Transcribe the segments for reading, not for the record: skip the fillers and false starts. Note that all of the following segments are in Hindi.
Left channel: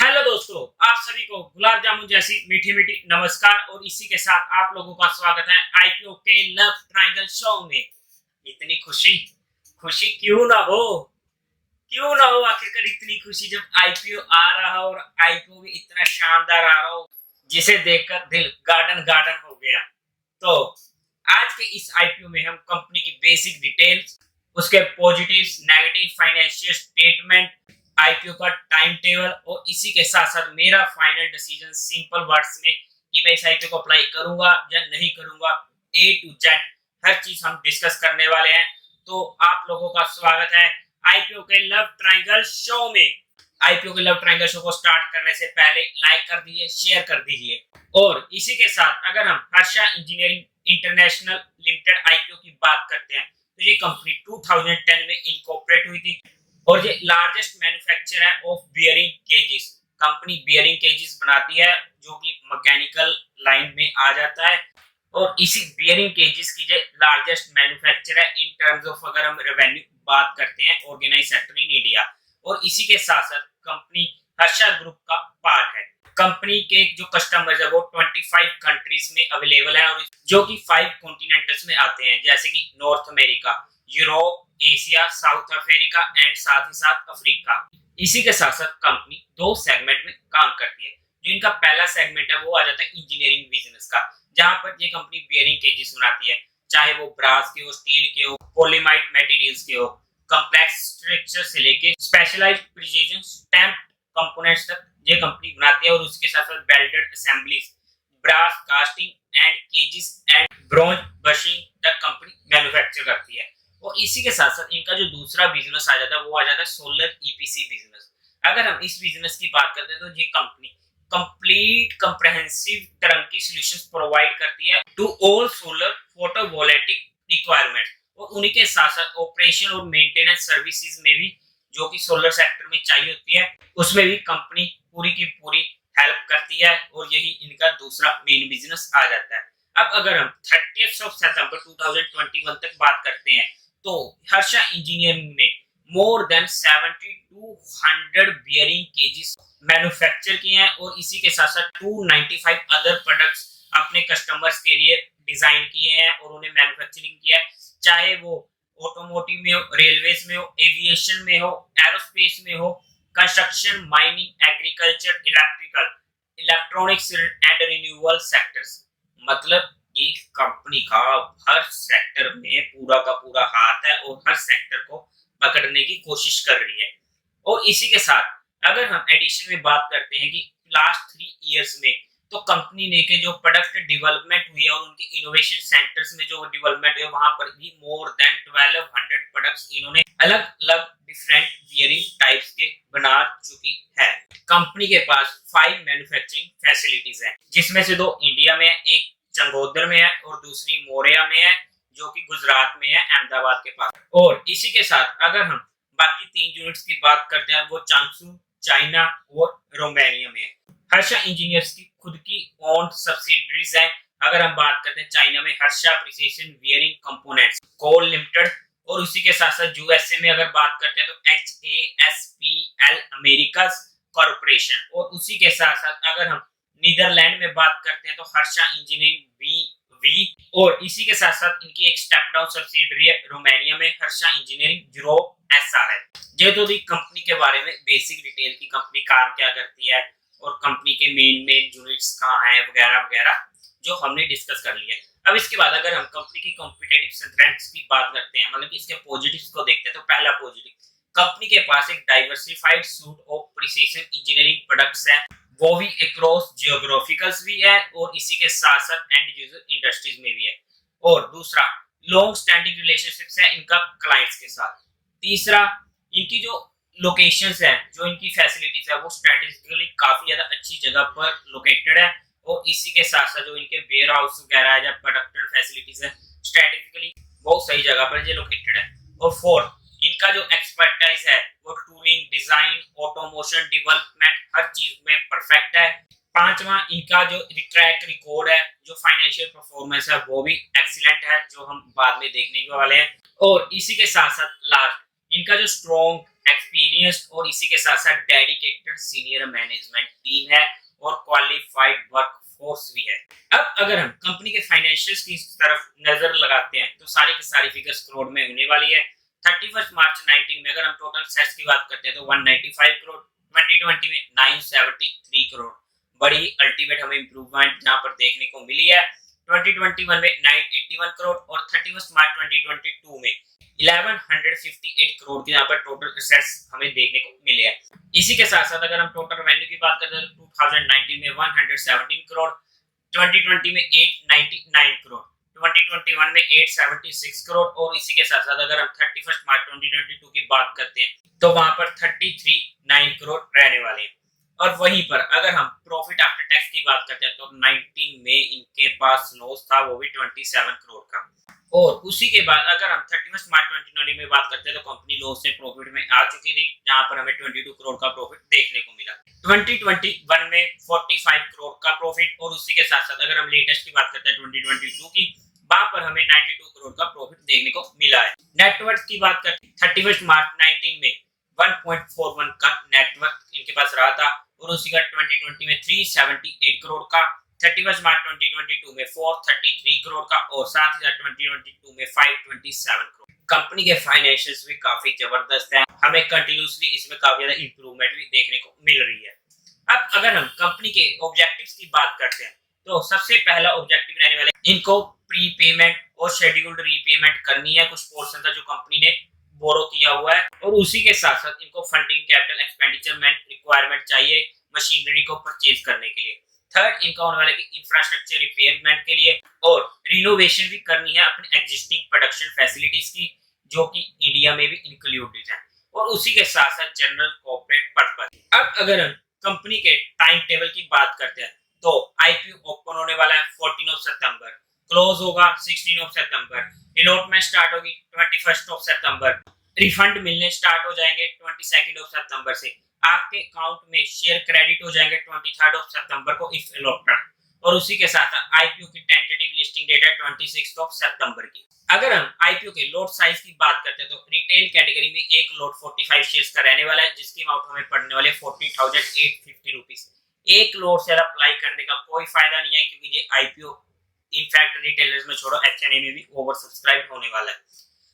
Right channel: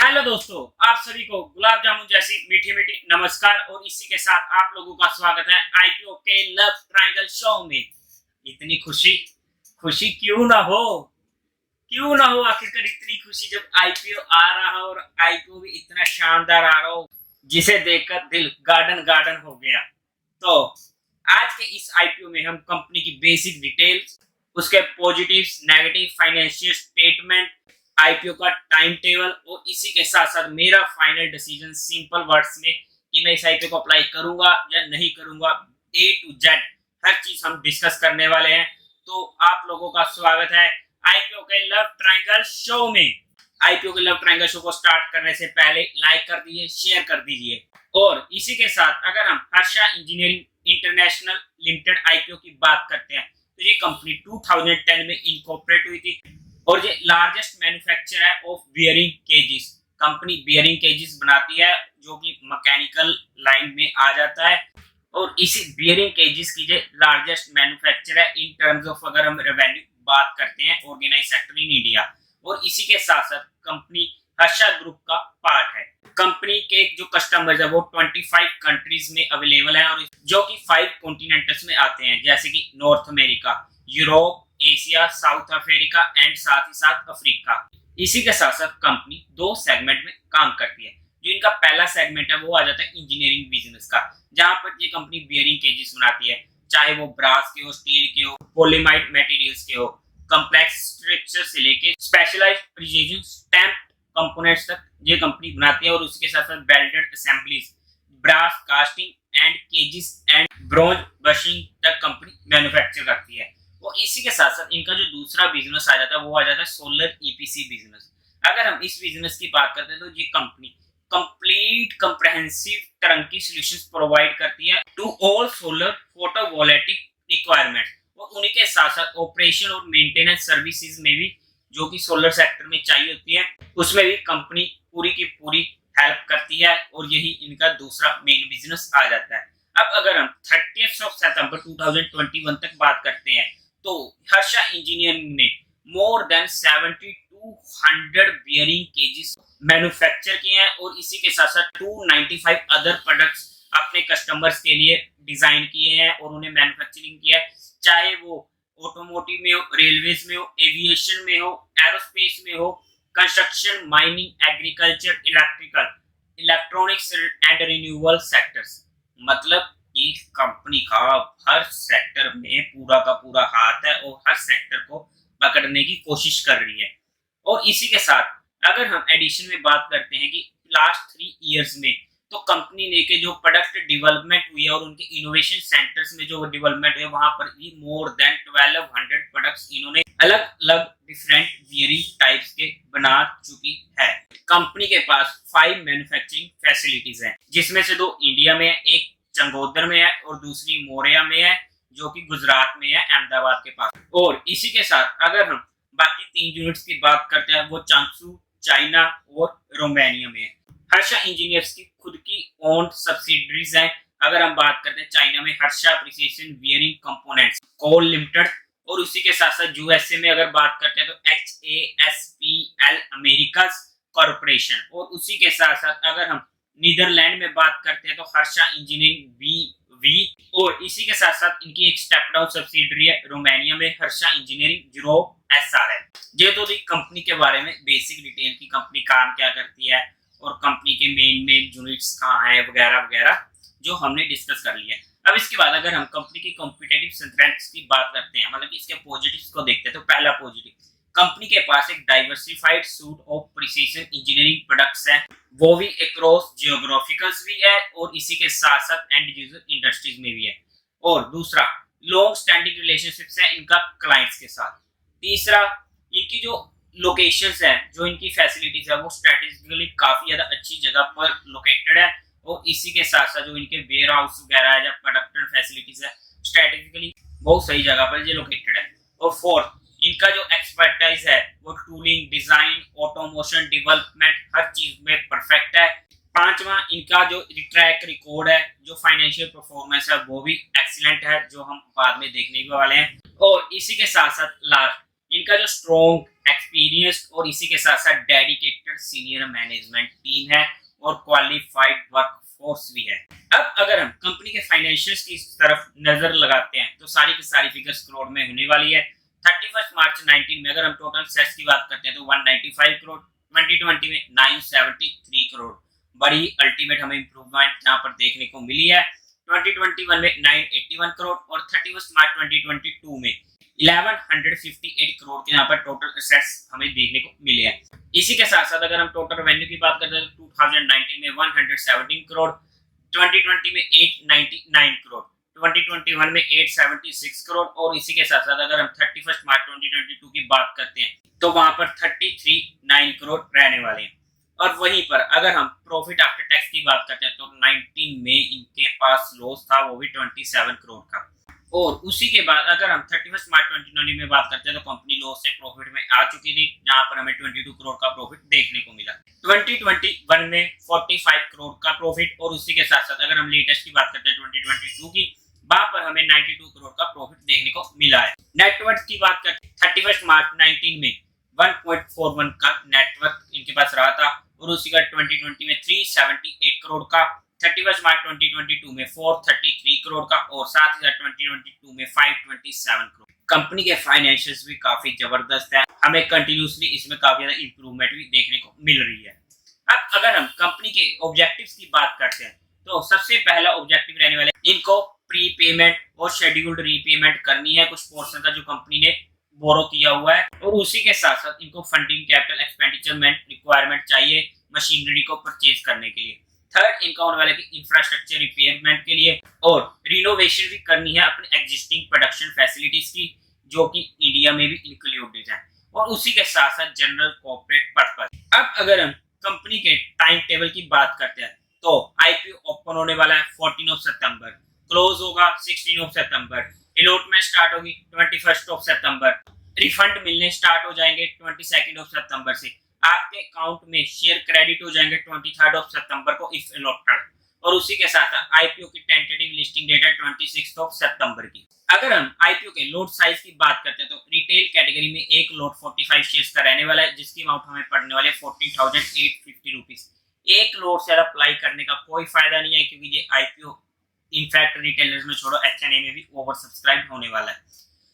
हेलो दोस्तों, आप सभी को गुलाब जामुन जैसी मीठी मीठी नमस्कार। और इसी के साथ आप लोगों का स्वागत है आईपीओ के लव ट्रायंगल शो में। इतनी खुशी खुशी क्यों ना हो आखिरकार इतनी खुशी जब आईपीओ आ रहा हो, और आईपीओ भी इतना शानदार आ रहा हो जिसे देखकर दिल गार्डन गार्डन हो गया। तो आज के इस आईपीओ में हम कंपनी की बेसिक डिटेल्स, उसके positives, negative, financial statement, IPO का टाइम टेबल और इसी के साथ साथ मेरा फाइनल डिसीजन सिंपल वर्ड्स में कि मैं इस आईपीओ को अप्लाई करूंगा या नहीं करूंगा, ए टू जेड हर चीज हम डिस्कस करने वाले हैं। तो आप लोगों का स्वागत है आईपीओ के लव ट्रायंगल शो में। आईपीओ के लव ट्रायंगल शो को स्टार्ट करने से पहले लाइक कर दीजिए, शेयर कर दीजिए। और इसी के साथ अगर हम Harsha engineering international limited IPO की बात करते हैं तो ये कंपनी 2010 में इनकॉर्पोरेट हुई थी और ये लार्जेस्ट मैन्युफैक्चरर है ऑफ बियरिंग केजेस। कंपनी बियरिंग केजेस बनाती है जो कि मैकेनिकल लाइन में आ जाता है, और इसी बियरिंग केजेस की जो लार्जेस्ट मैन्युफैक्चरर है इन टर्म्स ऑफ अगर हम रेवेन्यू बात करते हैं ऑर्गेनाइज सेक्टर इन इंडिया। और इसी के साथ साथ कंपनी हर्षा ग्रुप का पार्ट है। कंपनी के जो कस्टमर्स है वो 25 कंट्रीज में अवेलेबल है, और जो कि 5 कॉन्टिनेंट्स में आते हैं, जैसे कि north America, Europe, Asia, south Africa and साथ ही साथ अफ्रीका। इसी के साथ साथ कंपनी 2 सेगमेंट में काम करती है। जो इनका पहला सेगमेंट है वो आ जाता है इंजीनियरिंग बिजनेस का, जहां पर ये कंपनी बियरिंग केजेस बनाती है, चाहे वो ब्रास के हो, स्टील के हो, पॉलीमाइड मटेरियल्स के हो, कॉम्प्लेक्स स्ट्रक्चर से लेके स्पेशलाइज्ड प्रिसिजन स्टैम्प कंपोनेंट्स तक ये कंपनी बनाती है। और उसके साथ साथ belted assemblies, brass casting and cages and bronze bushing तक कंपनी मैन्युफैक्चर करती है। और इसी के साथ साथ इनका जो दूसरा बिजनेस आ जाता है वो आ जाता है सोलर ईपीसी बिजनेस। अगर हम इस बिजनेस की बात करते हैं तो ये company complete comprehensive turnkey solutions provide करती है to all solar photovoltaic requirement. और उन्हीं के साथ साथ ऑपरेशन और मेंटेनेंस सर्विसेज में भी, जो कि सोलर सेक्टर में चाहिए होती है, उसमें भी कंपनी पूरी की पूरी हेल्प करती है। और यही इनका दूसरा मेन बिजनेस आ जाता है। अब अगर हम 30 सितंबर 2021 तक बात करते हैं तो हर्षा इंजीनियरिंग ने मोर देन 7200 बियरिंग केजेस मैन्युफैक्चर किए हैं, और इसी के साथ साथ 295 अदर प्रोडक्ट्स अपने कस्टमर्स के लिए डिजाइन किए हैं और उन्हें मैन्युफैक्चरिंग किया है, चाहे वो ऑटोमोटिव में हो, रेलवेज में हो, एविएशन में हो, एरोस्पेस में हो, construction, mining, agriculture, electrical, electronics and renewable sectors. मतलब कि कंपनी का हर सेक्टर में पूरा का पूरा हाथ है और हर सेक्टर को पकड़ने की कोशिश कर रही है। और इसी के साथ अगर हम एडिशन में बात करते हैं कि लास्ट 3 इयर्स में तो कंपनी ने के जो प्रोडक्ट डेवलपमेंट हुई है और उनके इनोवेशन सेंटर्स में जो डेवलपमेंट हुई है वहां पर भी मोर देन 1200 प्रोडक्ट्स इन्होंने अलग अलग डिफरेंट बियरिंग टाइप्स के बना चुकी है। कंपनी के पास 5 मैन्युफैक्चरिंग फैसिलिटीज हैं, जिसमें से 2 इंडिया में है, एक चंगोदर में है और दूसरी मोरिया में है, जो कि गुजरात में है, अहमदाबाद के पास। और इसी के साथ अगर हम बाकी 3 यूनिट्स की बात करते हैं वो चांगसू, चाइना और रोमानिया में है। हर्षा इंजीनियर्स की खुद की ओन सब्सिडरीज हैं। अगर हम बात करते हैं चाइना में हर्षा प्रिसिशन बियरिंग कंपोनेंट्स कोल लिमिटेड, और उसी के साथ साथ यूएसए में अगर बात करते हैं तो HASPL अमेरिकाज कॉर्पोरेशन, और उसी के साथ साथ अगर हम नीदरलैंड में बात करते हैं तो हर्षा इंजीनियरिंग BV, और इसी के साथ साथ इनकी एक स्टेप डाउन सब्सिडरी है रोमानिया में, हर्षा इंजीनियरिंग यूरोप SRL। ये तो भी कंपनी के बारे में बेसिक डिटेल की कंपनी काम क्या करती है और कंपनी के मेन यूनिट्स कहाँ हैं वगैरह वगैरह जो हमने डिस्कस कर लिया है। अब इसके बाद अगर हम कंपनी की कॉम्पिटिटिव स्ट्रेंथ्स की बात करते हैं, मतलब कि इसके पॉजिटिव्स को देखते हैं, तो पहला पॉजिटिव, कंपनी के पास एक diversified suit of precision engineering products हैं, वो भी अक्रॉस जियोग्राफिकल्स भी है और इसी के साथ साथ एंड यूजर इंडस्ट्रीज में भी है। और दूसरा, लॉन्ग स्टैंडिंग रिलेशनशिप्स है इनका क्लाइंट्स के साथ। तीसरा, इनकी जो लोकेशंस है, जो इनकी फैसिलिटीज है वो स्ट्रेटेजिकली काफी ज्यादा अच्छी जगह पर लोकेटेड है, और इसी के साथ साथ जो इनके वेयर हाउस वगैरह है या प्रोडक्शन फैसिलिटीज है स्ट्रेटेजिकली बहुत सही जगह पर ये लोकेटेड है। और फोर्थ, इनका जो एक्सपर्टाइज है वो टूलिंग, डिजाइन, ऑटोमोशन, डेवलपमेंट हर चीज में परफेक्ट है। पांचवा, इनका जो ट्रैक रिकॉर्ड है, जो फाइनेंशियल परफॉर्मेंस है वो भी एक्सीलेंट है, जो हम बाद में देखने वाले हैं। और इसी के साथ साथ लास्ट, इनका जो स्ट्रॉन्ग एक्सपीरियंस्ड और इसी के साथ साथ डेडिकेटेड सीनियर मैनेजमेंट टीम है और क्वालिफाइड वर्क फोर्स भी है। अब अगर हम कंपनी के फाइनेंशियल्स की तरफ नजर लगाते हैं तो सारी की सारी फिगर्स करोड़ में होने वाली है। 31 मार्च 19 में अगर हम टोटल सेट्स की बात करते हैं तो 195 करोड़, 2020 में 973 करोड़, बड़ी अल्टीमेट हमें इंप्रूवमेंट जहां पर देखने को मिली है। 2021 में 981 करोड़ और 31 मार्च 2022 में 1158 करोड़ के यहाँ पर टोटल एसेट्स हमें देखने को मिले हैं। इसी के साथ साथ अगर हम टोटल रेवेन्यू की बात करते हैं तो 2019 में 117 करोड़, 2020 में 899 करोड़, 2021 में 876 करोड़ और इसी के साथ साथ अगर हम 31 मार्च 2022 की बात करते हैं तो वहां पर 339 करोड़ रहने वाले हैं। और वहीं पर अगर हम प्रॉफिट आफ्टर टैक्स की बात करते हैं तो 19 में इनके पास लॉस था, वो भी 27 करोड़ का। और उसी के बाद अगर हम 31 मार्च 2020 में बात करते हैं तो कंपनी लॉस से प्रॉफिट में आ चुकी थी, जहां पर हमें 22 करोड़ का प्रॉफिट देखने को मिला। 2021 में 45 करोड़ का प्रॉफिट और उसी के साथ साथ अगर हम लेटेस्ट की बात करते हैं 2022 की, वहां पर हमें 92 करोड़ का प्रॉफिट देखने को मिला है। नेटवर्थ की बात करते हैं 31 मार्च 19 में 1.41 का नेटवर्थ इनके पास रहा था और उसी का 2020 में 378 करोड़ का, 31 मार्च 2022 में 433 करोड़ का और साथ ही 2022 में 527 करोड़। कंपनी के फाइनेंशियल्स भी काफी जबरदस्त है, हमें कंटिन्यूसली इसमें काफी ज्यादा इंप्रूवमेंट भी देखने को मिल रही है। अब अगर हम कंपनी के ऑब्जेक्टिव्स की बात करते हैं तो सबसे पहला ऑब्जेक्टिव रहने वाले इनको प्री पेमेंट और शेड्यूल्ड रीपेमेंट करनी है कुछ पोर्शन का जो कंपनी ने बोरो किया हुआ है और उसी के साथ साथ इनको फंडिंग कैपिटल एक्सपेंडिचर में रिक्वायरमेंट चाहिए मशीनरी को परचेज करने के लिए। थर्ड इनका होने वाला कि इंफ्रास्ट्रक्चर रिपेयरमेंट के लिए और रिनोवेशन भी करनी है अपने एग्जिस्टिंग प्रोडक्शन फैसिलिटीज की जो कि इंडिया में भी इंक्लूडेड है और उसी के साथ साथ जनरल कॉर्पोरेट पर्पस। अब अगर हम कंपनी के टाइम टेबल की बात करते हैं तो आईपीओ ओपन होने वाला है 14 सितंबर, क्लोज होगा 16 सितंबर, अलॉटमेंट स्टार्ट होगी 21 सितंबर, रिफंड मिलने स्टार्ट हो जाएंगे 22 सितंबर से, आपके अकाउंट में शेयर क्रेडिट हो जाएंगे 23 सितंबर को इफ अलॉटेड और उसी के साथ आईपीओ की टेंटेटिव लिस्टिंग डेट है 26 सितंबर की। अगर हम आईपीओ के लॉट साइज की बात करते हैं तो रिटेल कैटेगरी में एक लॉट 45 शेयर्स का रहने वाला है जिसकी अमाउंट हमें पड़ने वाले 14,850 रुपीस। एक लॉट से अप्लाई करने का कोई फायदा नहीं है क्योंकि ये आईपीओ इनफैक्ट रिटेलर्स में छोड़ो एचएनआई में भी ओवर सब्सक्राइब होने वाला है।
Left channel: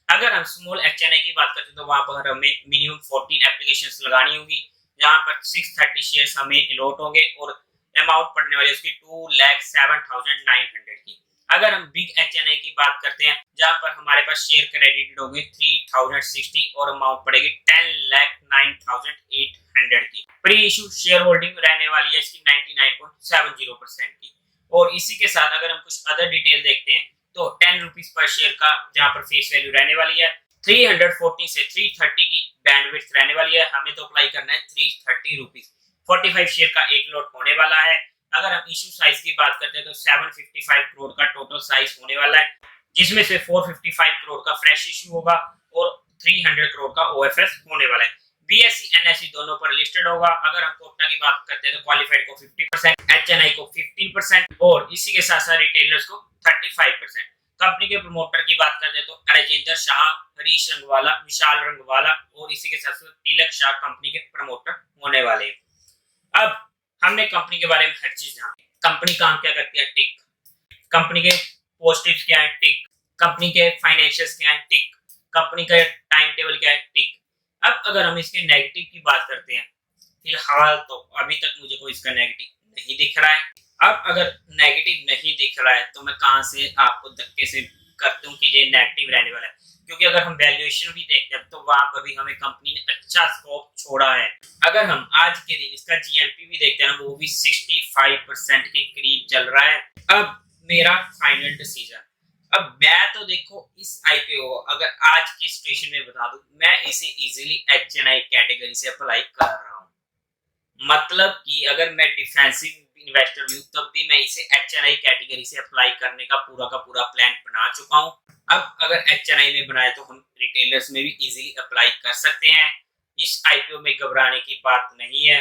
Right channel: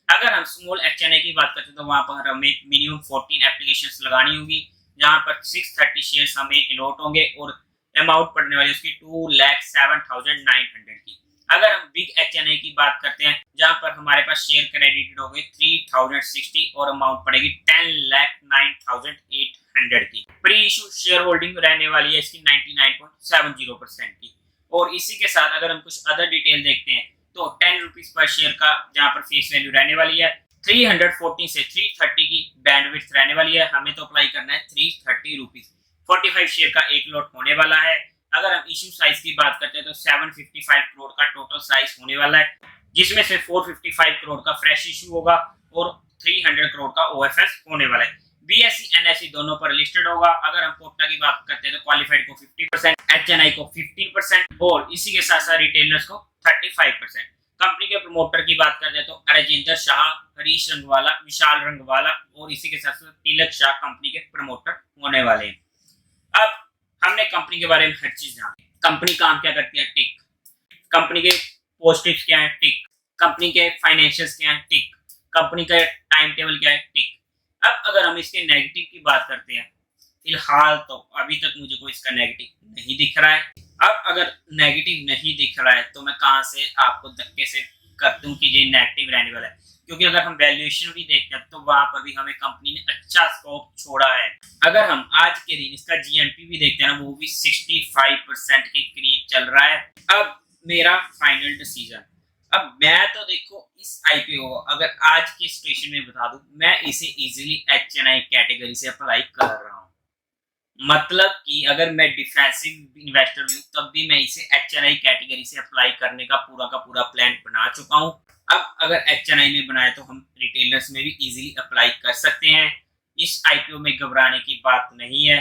अगर हम स्मॉल एचएनआई की बात करते हैं तो वहां पर हमें मिनिमम 14 एप्लीकेशंस लगानी होगी जहां पर 630 शेयर्स हमें अलॉट होंगे और अमाउंट पड़ने वाली उसकी 2,07,900 की। अगर हम बिग एचएनआई की बात करते हैं जहां पर हमारे पास शेयर क्रेडिटेड होंगे 3,060 और अमाउंट पड़ेगी 10,09,800 की। प्री इशू शेयर होल्डिंग रहने वाली है इसकी 99.70% की। और इसी के साथ अगर हम कुछ अदर डिटेल देखते हैं तो 10 रुपीज पर शेयर का जहां पर फेस वैल्यू रहने वाली है, 340 से 330 की बैंडविड्थ रहने वाली है, हमें तो अप्लाई करना है 330 रुपीज। 45 शेयर का एक लॉट होने वाला है। अगर हम इशू साइज की बात करते हैं तो 755 करोड़ का टोटल साइज होने वाला है जिसमें से 455 करोड़ का फ्रेश इशू होगा और 300 करोड़ का ओएफएस होने वाला है। बीएसई एनएसई दोनों पर लिस्टेड होगा। अगर हम कोटा की बात करते हैं तो क्वालिफाइड को 50%, एचएनआई को 15% और इसी के साथ साथ रिटेलर्स को 35%। कंपनी के प्रमोटर की बात करते हैं तो राजेंद्र शाह, हरीश रंगवाला, विशाल रंगवाला और इसी के साथ साथ तिलक शाह कंपनी के प्रमोटर होने वाले हैं। अब हमने कंपनी के बारे में हर चीज जानी। कंपनी काम क्या करती है, टिक। कंपनी के पॉजिटिव्स क्या है, टिक। कंपनी के फाइनेंशियल्स क्या है, टिक। कंपनी का टाइम टेबल क्या है, टिक। अब अगर हम इसके नेगेटिव की बात करते हैं, फिलहाल तो अभी तक मुझे कोई इसका नेगेटिव नहीं दिख रहा है। अब अगर नेगेटिव नहीं दिख रहा है तो मैं कहां से आपको धक्के से कर दूं कि ये नेगेटिव रहने वाला है, क्योंकि अगर हम वैल्यूएशन भी देखते हैं तो वहां पर भी हमें कंपनी ने अच्छा स्कोप छोड़ा है। अगर हम आज के दिन इसका जीएमपी भी देखते हैं ना, वो भी 65% के करीब चल रहा है। अब मेरा फाइनल डिसीजन, अब मैं तो देखो इस आईपीओ अगर आज की सिचुएशन में बता दूं, मैं इसे इजीली एचएनआई कैटेगरी से अप्लाई कर रहा हूं। मतलब कि अगर मैं डिफेंसिव इन्वेस्टर हूं तब भी मैं इसे एचएनआई कैटेगरी से अप्लाई करने का पूरा प्लान बना चुका हूं। अब अगर एचएनआई में बनाए तो हम रिटेलर्स में भी इजीली अप्लाई कर सकते हैं। इस आईपीओ में घबराने की बात नहीं है।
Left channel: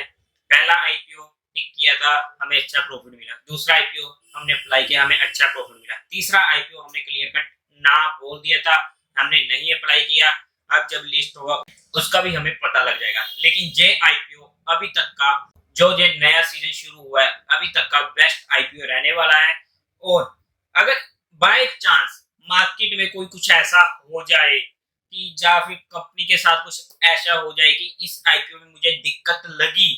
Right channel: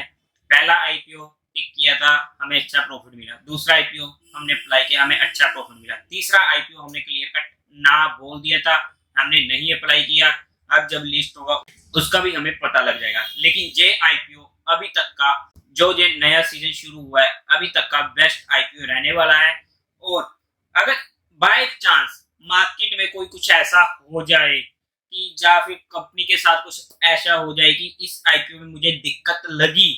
पहला आईपीओ टिक किया था, हमें अच्छा प्रॉफिट मिला। दूसरा आईपीओ हमने अप्लाई किया, हमें अच्छा प्रॉफिट मिला। तीसरा आईपीओ हमने क्लियर कट ना बोल दिया था, हमने नहीं अप्लाई किया। अब जब लिस्ट होगा उसका भी हमें पता लग जाएगा। लेकिन जे आईपीओ अभी तक का जो ये नया सीजन शुरू हुआ है अभी तक का बेस्ट आईपीओ रहने वाला है। और अगर बाय चांस मार्केट में कोई कुछ ऐसा हो जाए कि या फिर कंपनी के साथ कुछ ऐसा हो जाए कि इस आईपीओ में मुझे दिक्कत लगी,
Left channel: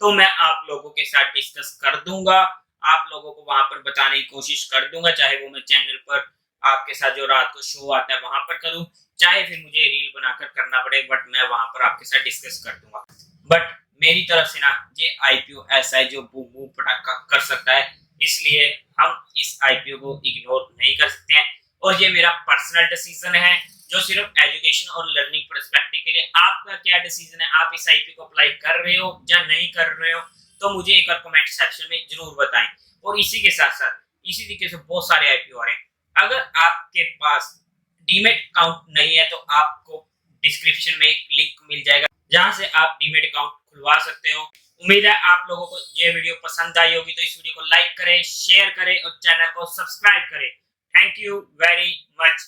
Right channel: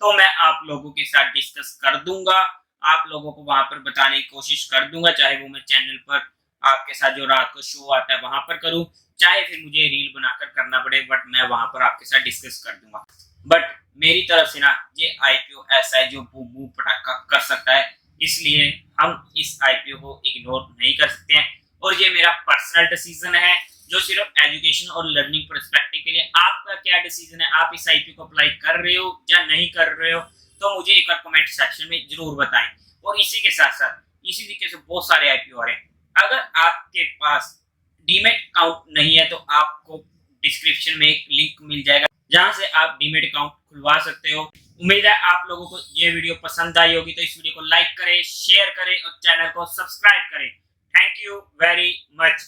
तो मैं आप लोगों के साथ डिस्कस कर दूंगा, आप लोगों को वहां पर बताने की कोशिश कर दूंगा, चाहे वो मैं चैनल पर आपके साथ जो रात को शो आता है वहां पर करूं, चाहे फिर मुझे रील बनाकर करना पड़े, बट मैं वहां पर आपके साथ डिस्कस कर दूंगा। बट मेरी तरफ से ना ये आईपीओ ऐसा है जो बूम बूम पटाखा कर सकता है, इसलिए हम इस आईपीओ को इग्नोर नहीं कर सकते हैं। और ये मेरा पर्सनल डिसीजन है जो सिर्फ एजुकेशन और लर्निंग पर्सपेक्टिव के लिए। आपका क्या डिसीजन है, आप इस आईपीओ को अप्लाई कर रहे हो या नहीं कर रहे हो, तो मुझे एक बार कमेंट सेक्शन में जरूर बताएं। और इसी के साथ साथ इसी तरीके से बहुत सारे आईपीओ आ रहे हैं। अगर आपके पास डीमेट अकाउंट नहीं है तो आपको डिस्क्रिप्शन में एक लिंक मिल जाएगा जहां से आप डीमेट अकाउंट खुलवा सकते हो। उम्मीद है आप लोगों को ये वीडियो पसंद आई होगी, तो इस वीडियो को लाइक करें, शेयर करें और चैनल को सब्सक्राइब करें। Thank you very much.